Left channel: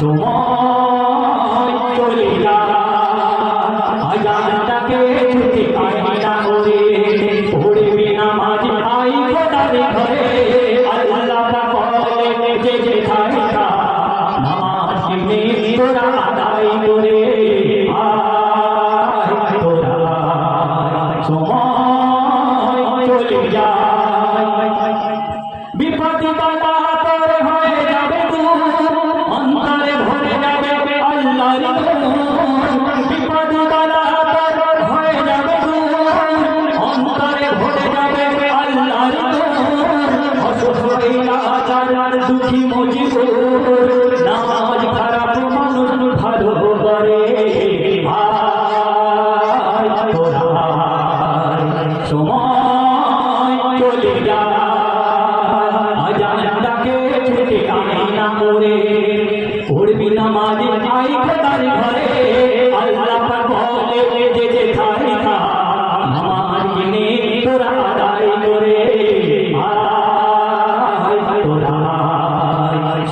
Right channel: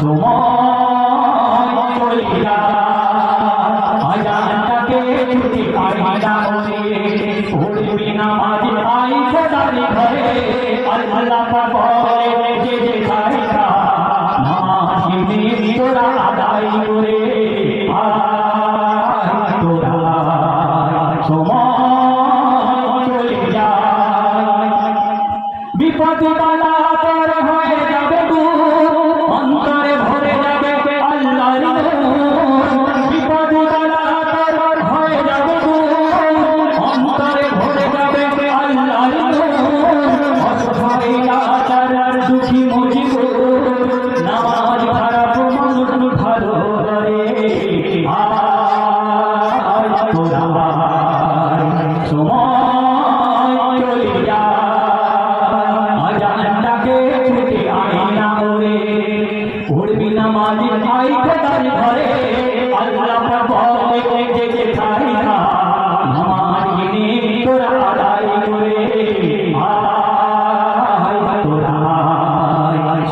one. Oh.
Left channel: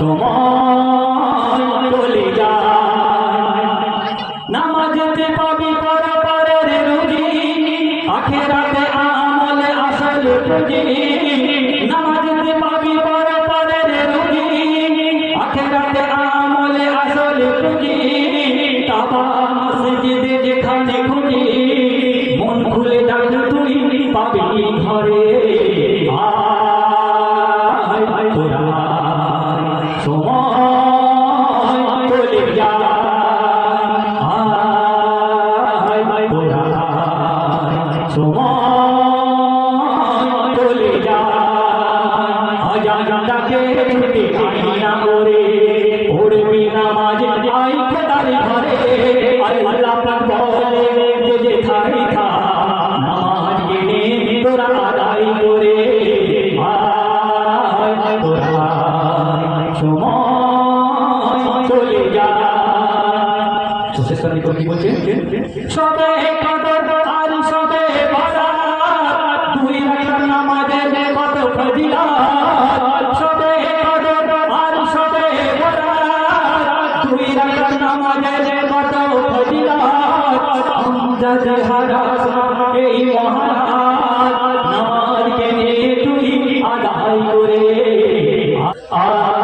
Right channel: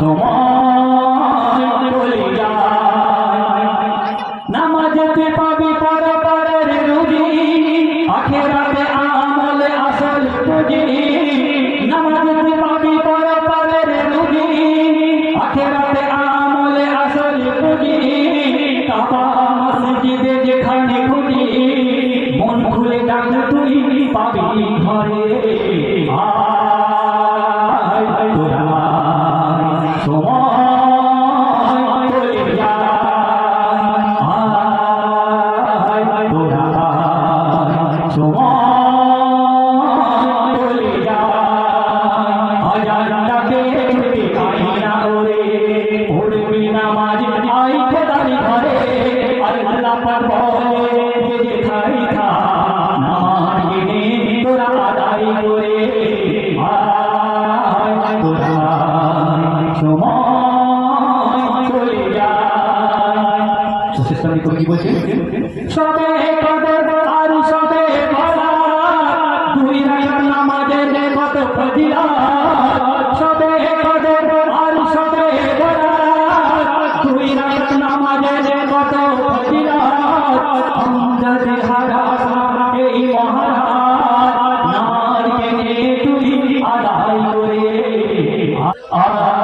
Come oh. on. চলে যা কি বলছে Ah. Uh -huh.